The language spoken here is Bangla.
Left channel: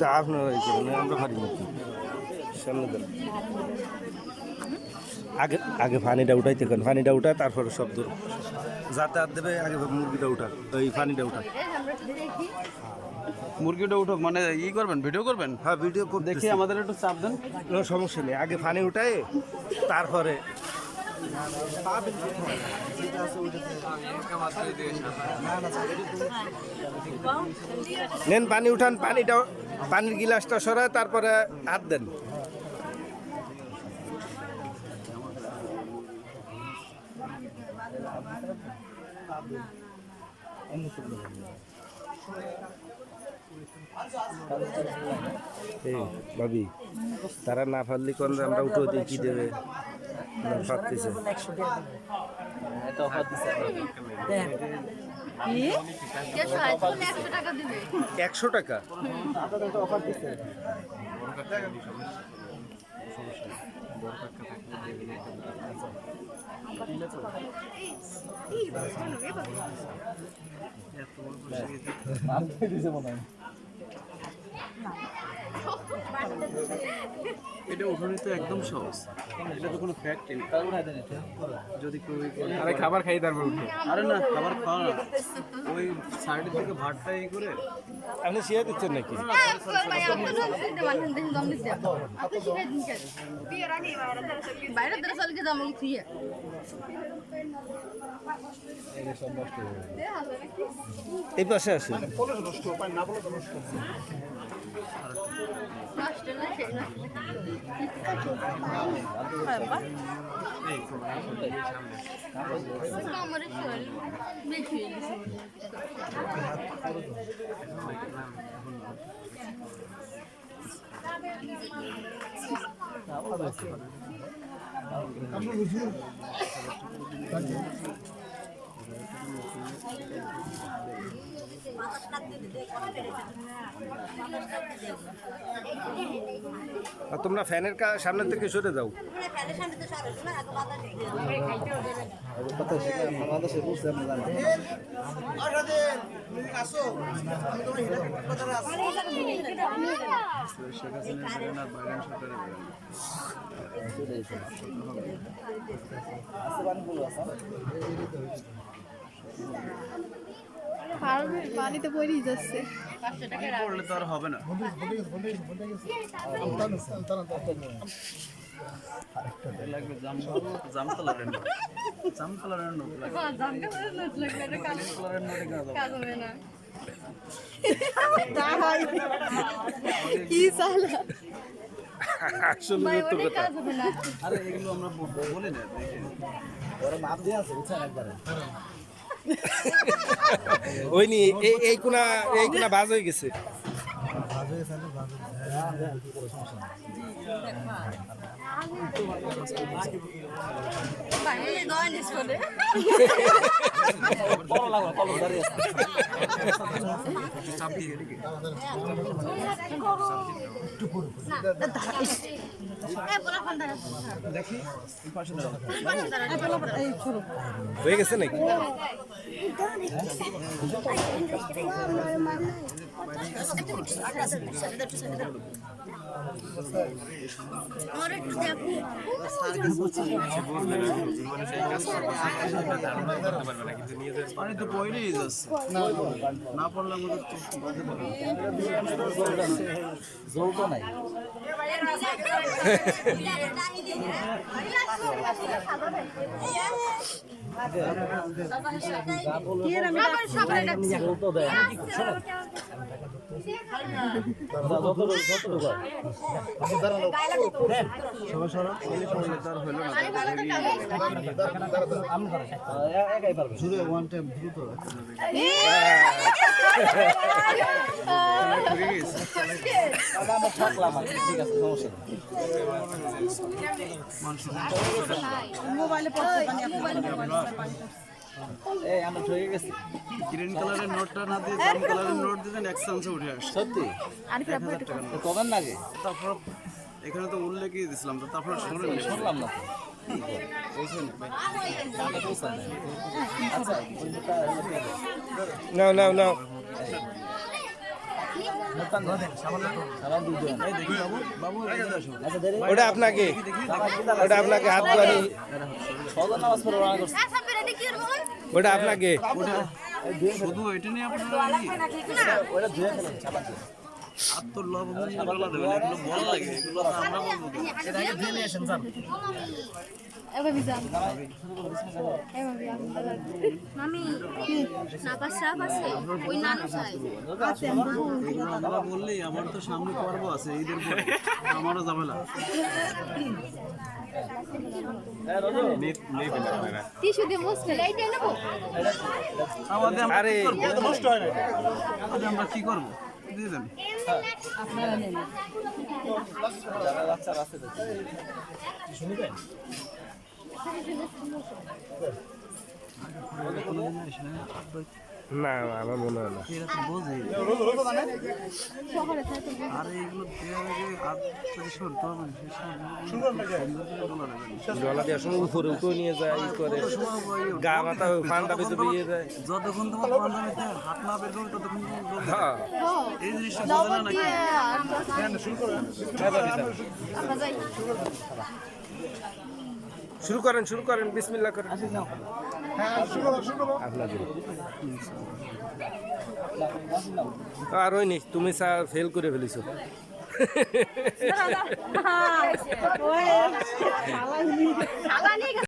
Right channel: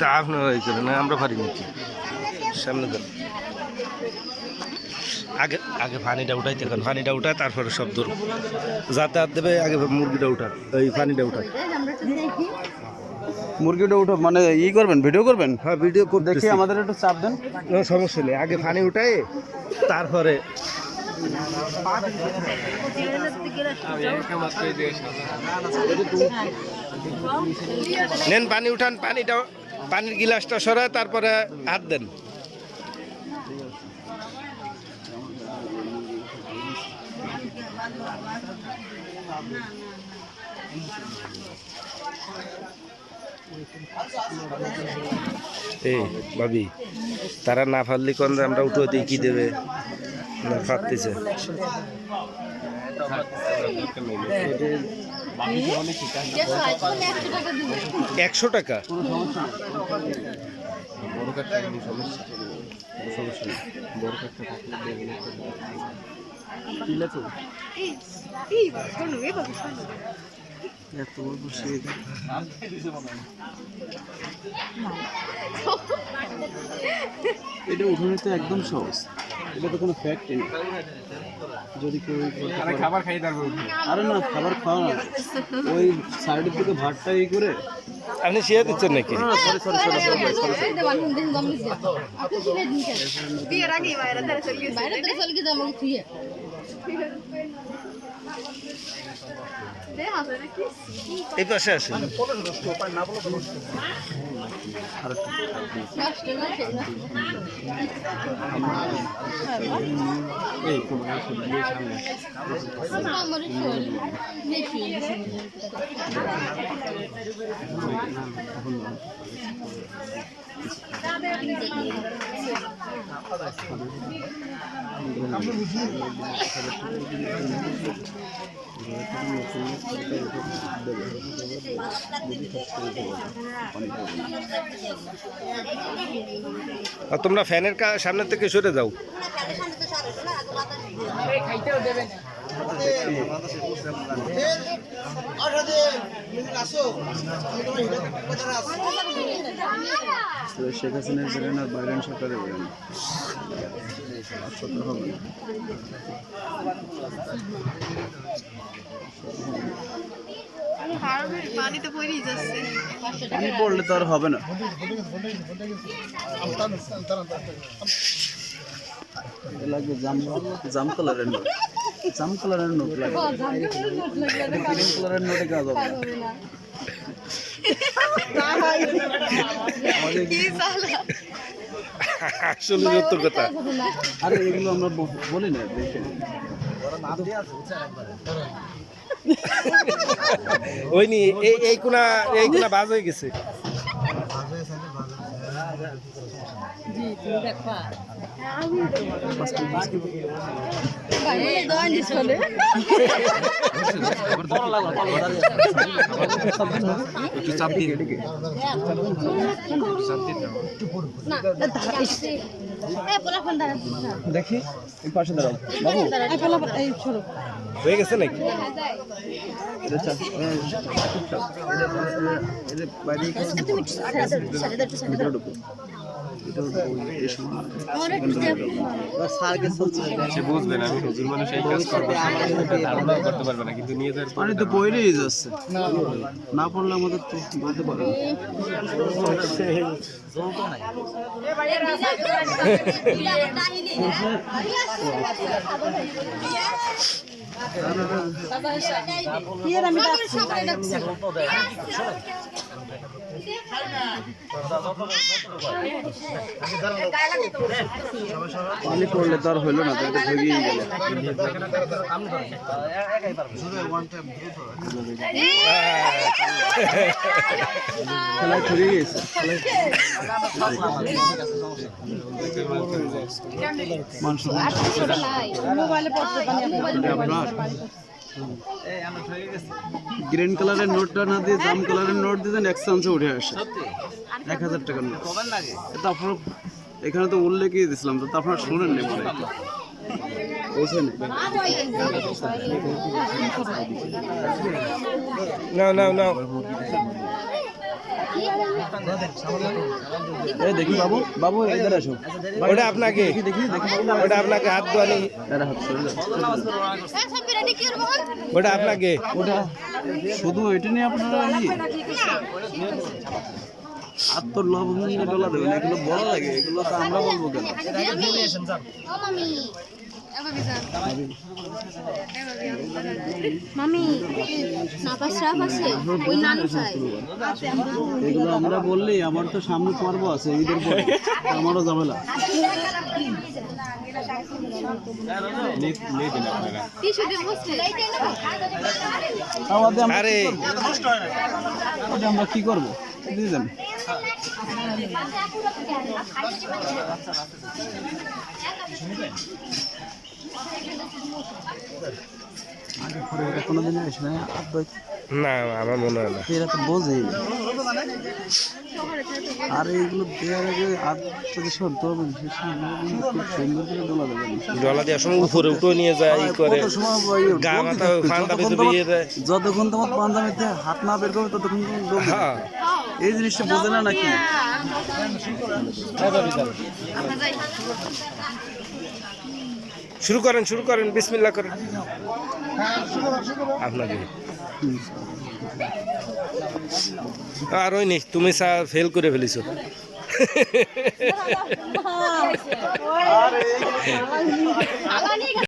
তা আপনারা এই করেন, আমরা পারি নাকি? সামনে দেন, আগে আগে পানিটা উঠাইতে কারণ পানিটা উঠায় তারপরে সব দূর যাতায়াত দেবে। আগে মুরগিটা উঠান, এই পানিটা উঠান। মুরগিটা উঠো মানে ই করবেন, ভিডিও করবেন? হ্যাঁ ভিডিও করে দেখি, আমাদের একটু চাপ দেন। কোনো সমস্যা নেই, আগে পানি উঠায় তারপরে নেন পানি উঠান। পানিটা, পানির গিলাসটা সরায় তারপরে হাত দেন। এই ভাবি, তারা না পারলে কোন আমরা উঠে দিই, কি দেবে না পারতেছে। 100 টাকা? এটা উঠানো তো একদম সহজ, এটা তো কোনো ফ্যাক্ট নেই। যদি কেউ খাবার খাই তারপর উঠে, আরে না খাবার খাওয়া না, ওই সাইডের থেকে ভাতটা ই করে আপনি শিয়া দিচ্ছেন নাকি? এই পাশে আসেন। আর তোমরা ফ্যানের সামনে থেকে সরে যাও। শেখ হাসিনার কারণে বাইরেন সরকারের পানিতে পড়েই যাচ্ছে, পড়লে তো আর হবে না। লাগবে জাম কালারের নোট, জাম কালারের নোট লাগবে, গ্রিন কালারের নোটে কাজ হবে না। আসলে সত্য কথা। আরে এগুলো নোট বলি না, ওই নি এই কোনা বাজ হয়ে গেছে। দেখি পাশে দাঁড়াও, হয়ে গেছে নাকি? পানি তো পড়েই যাচ্ছে, না পড়লে আমাদের বলতে পারবে পানি পড়লে তো আর হইলো না, গ্রিন কালারের নোটটা না দিয়ে জাম কালারের নোট দিতেন, 1 চান্সে উঠে আসে 1000 টাকার নোট। তারপর এখানে তো উল্লেখই দিয়েছিলাম, তো আপনারা শুনেন নি নাও নাও নাও। এই দেখি বাবু বাবু এদের আসো ওটা আপনাকে ওটা আপনাকে হাত ধোয়ানি ওটা আপনাকে ওটা শুধু এটা নিয়ে আপনারা আর তো লবণ ডলা দেবেন এগুলো বড় লাগে এগুলো তো আমরা বলবো কেন মামি নাপা শ্রাপ আছে ওই নানু চাই এগুলো আমরা বললেই আমার তো সামনে পর্ব আছে ঈদের পরে আমারও ঝামেলা টিস্যু দিয়ে বসতে লাইটাই নেবো আরে আমরা কি করবো বুঝলেন কোনোদিন আসে না না আমার মনে হয় না এরা তো বোঝে আর এইগুলো দেওয়ার আগে হাত যদি সরতে হবে সে ডলা দেওয়ার সময় উপরে উঠে নিয়ে যায় ই করে গা মাথা ফান্ডা ভেতরে ইয়ে দেয় যতক্ষণ তোমার পাঞ্জাবিতে হাত না বের করবে ততক্ষণ তুমি ডলবে। হ্যাঁ এই জিনিসটা বোঝে না নাকি শুরু করেন বিসমিল্লাহ করেন আপনাকে আর ওই নি তুমি ফেল করে ফেলিছো খালা নিয়ে